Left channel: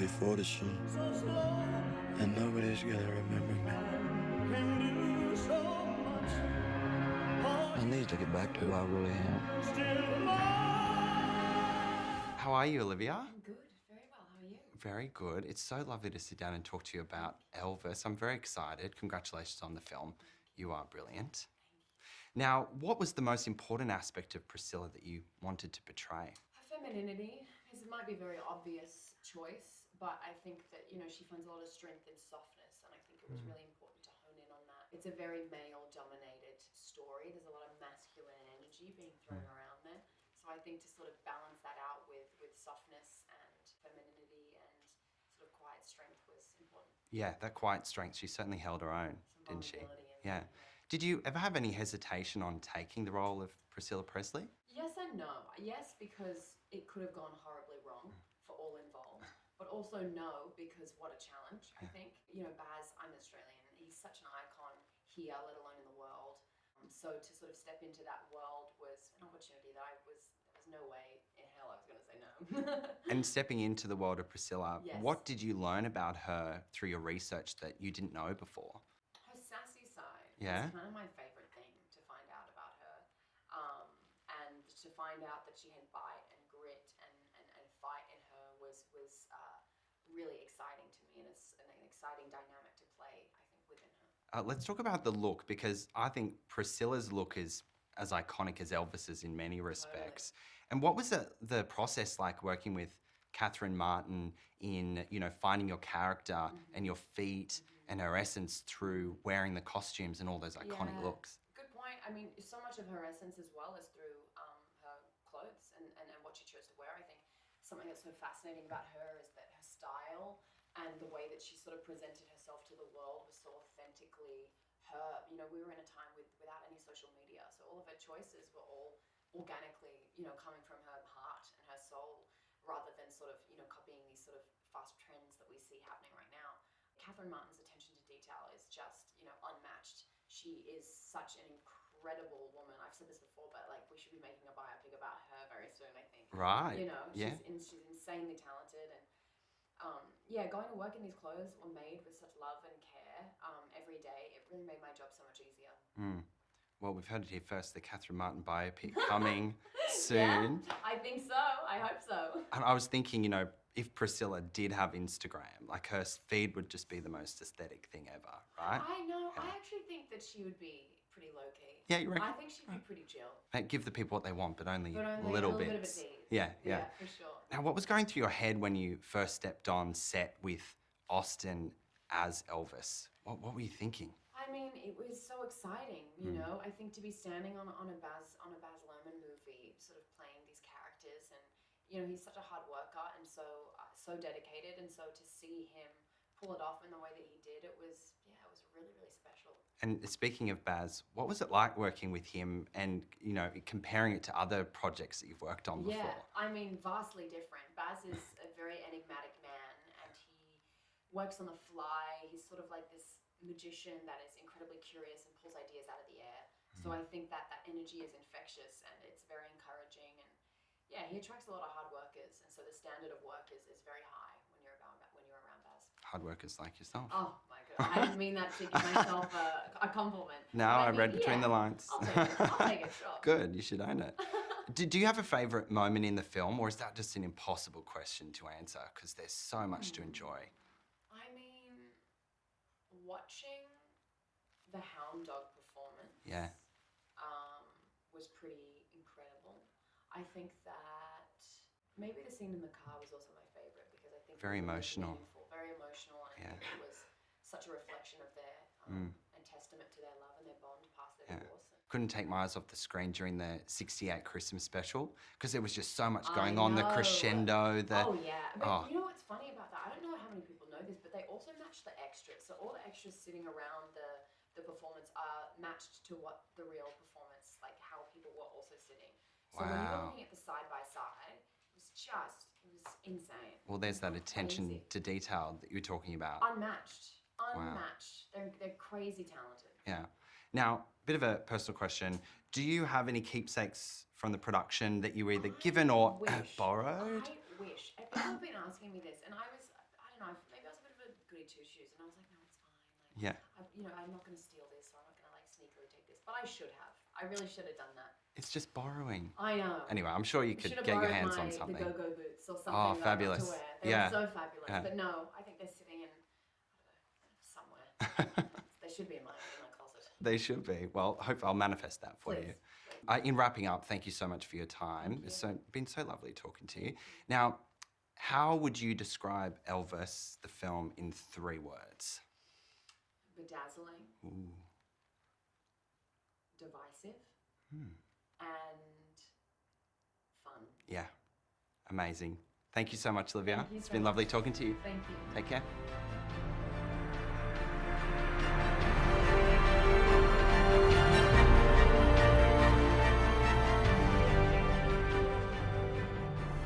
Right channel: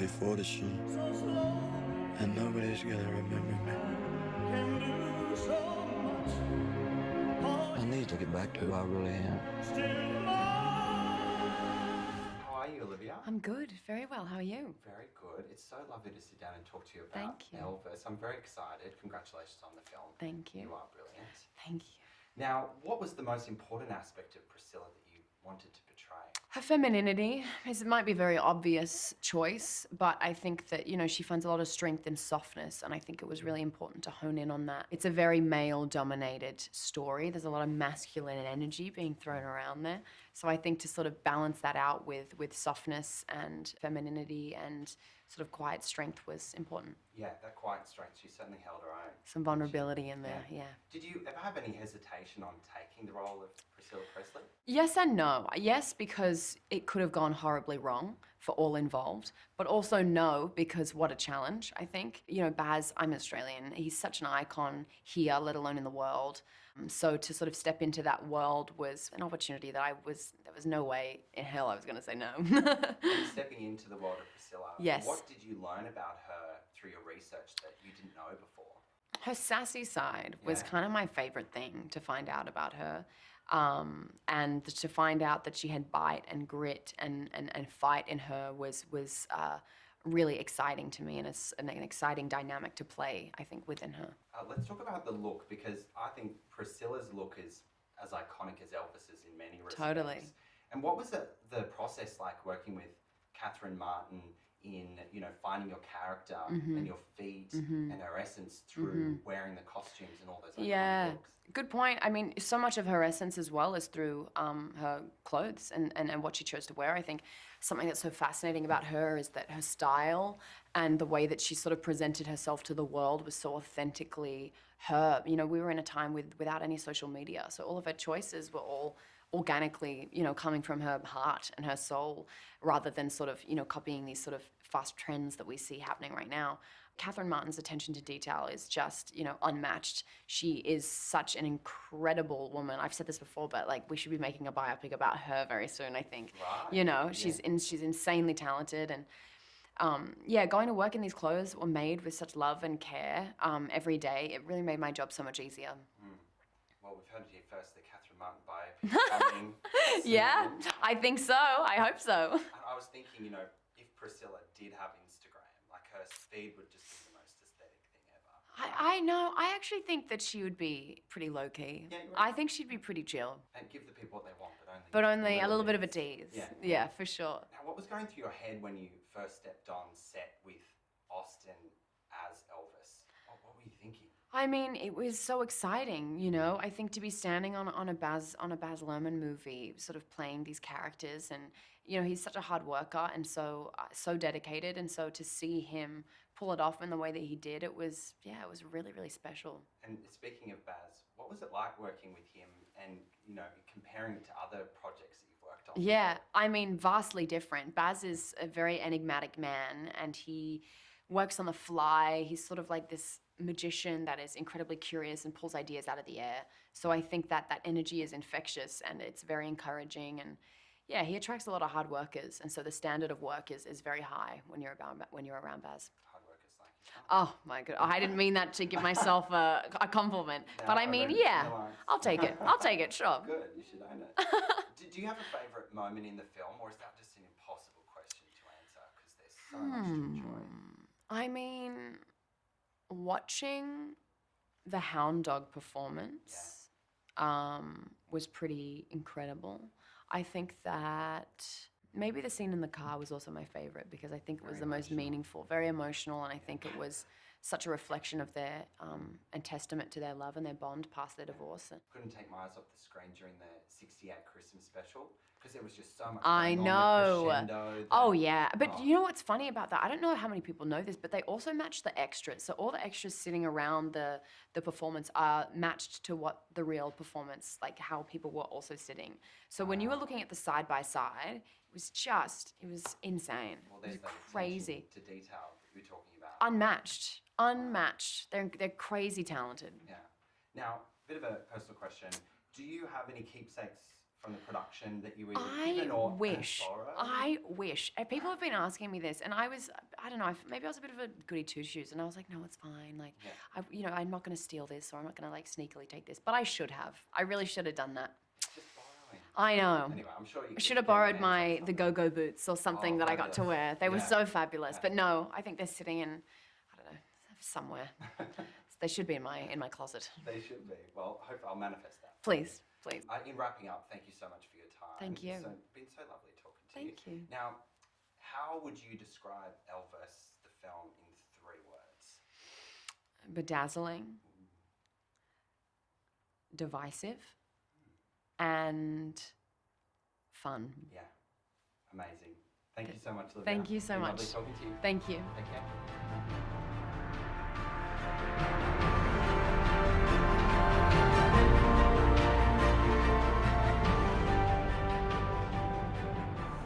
before the show, and nobody's gonna remember me. I need to get back to who I really am. How are you, Olivia? I'm good, very well. How are you? Very good. It's so lovely to sit down and talk to you about Elvis. I'm very excited. Congratulations on the film. Thank you. You are brilliant. Thank you. Now, what was the most important aspect of Priscilla that you wanted to portray? Her femininity. It might be a very obvious choice, but I think that, you know, she finds a lot of strength in softness, and I think it was really important to hone in on that. It's a very male-dominated story. There's a lot of masculine energy being thrown around there. So I think to sort of balance that out with softness and femininity and sort of quiet strength was important. Yeah, that quiet strength, she certainly held her own. Some vulnerability in there, yeah. Did you ever have any hesitation on taking the role of Priscilla Presley? Yes and no. Yes, because it could have gone horribly wrong for all involved, but also no, because what a challenge, I think. You know, Baz, I'm Australian, he's such an icon here, let alone in the world. So to sort of step into that world was an opportunity that there was no way in hell I was gonna say no. And stepping into the world of Priscilla, yes. What did you learn about her through your research that you didn't know before? Her sassy side was kind of my favorite thing to find out about her. And to find out that she had bite and grit and fight in her was really exciting to me, and it's an exciting dynamic to play, I think, within her. Let's talk about the look, because I think Priscilla's look is as iconic as Elvis's in many respects. Totally. And what was the process like working with Catherine Martin in, you know, finding your character and your feet and her essence through wearing the costumes and all those iconic looks? Good point. I mean, so much of her essence as well is through her clothes and what she chose to wear. I think something that's so fascinating about her is that her style and the way that she sort of presented herself to the world was so authentically her. You know, we were in a time without any social media, so all of her choices were all organically, you know, coming from her heart and her soul, rather than sort of, you know, copying these sort of fast trends that we see happening right now. Catherine Martin's attention to detail is just, you know, unmatched. She is such an incredible woman. I've said this before, but like we should be making a biopic about her very soon, I think. Right. You know, she's insanely talented, and going to work in these clothes that were made with such love and care every day, it really made my job so much easier. Well, we've heard it here first, the Catherine Martin biopic coming soon. Yeah, I think so. I hope so. And I was thinking, you know, if Priscilla did have Instagram, like her feed would just be the most aesthetic thing ever, right? I know. I actually think that she would be pretty low-key. Yeah, you reckon? I think she'd be pretty chill. Hey, give the people what they want, but only a little bit of a bits. tease. Yeah, for sure. Now, what was going through your head when you first stepped on set with Austin as Elvis? What were you thinking? I mean, it was so exciting, you know. I think to be standing on a Baz Luhrmann movie, sort of playing these characters, and you know, he's such a hard worker and so dedicated, and so to see him pull it off in the way that he did, it was really, really special. And speaking of Baz, what was it like working with him and, you know, comparing it to other projects that you've worked on Yeah, before? I mean, vastly different. Baz is a very enigmatic man, and he works on the fly. He's sort of like this magician that is incredibly curious and pulls ideas out of the air. So I think that energy is infectious, and it's very encouraging, and yeah, he attracts a lot of hard workers, and so the standard of work is very high when you're around Baz. Hard workers like yourself. Oh my God, I didn't mean that to give myself a compliment. No, but I mean, read between the lines. I'll take it. I'll take it, sure. Good, you should own it. Do you have a favourite moment in the film, or is that just an impossible question to answer because there's so much to enjoy? I mean, watching the hound dog performance was pretty incredible. I think that maybe the scene in the car was also my favorite, because I think it was the most meaningful, very emotional, and I think it was such a reflection of their and testament to their love and their bond past their divorce. Couldn't take my eyes off the screen during the '68 Christmas special because there was just so much going on, the crescendo. Oh yeah, but you know what's funny about that? I don't know how many people know this, but they also matched the extras. So all the extras sitting around the performance are matched to what the real performance, like how people were also sitting. So when you were looking at the side by side, it was insane. Well, there's that attention to detail that you're talking about. Unmatched. They're crazy talented. Yeah. Now, bit of a personal question. Do you have any keepsakes from the production that you were either given or borrowed? I wish. And people have been asking me this, and I don't know, maybe I was a bit of a goody two-shoes, and I was like, no, it's fine. Like, Yeah. I'm not going to steal this, or I'm not going to like sneakily take this, but I should have. I really should have done that. It's just borrowing. I know. Anyway, I'm sure you could should have get your borrowed hands on the something. go-go boots or something that I got to fabulous. wear. They were Yeah. so fabulous. Yeah. But no, I think they're sitting in, I don't know, somewhere. They should be in my closet. They should be. Well, I'll manifest that for you. Please. In wrapping up, thank you so much for your time. Thank you. It's been so lovely talking to you. Thank you. Now, how would you describe Elvis, the film, in 3 words? Bedazzling, Ooh. divisive, and fun. Yeah, amazing. Thank you so much, Olivia. Thank you so It's been much. lovely talking to you. Thank you. Take care.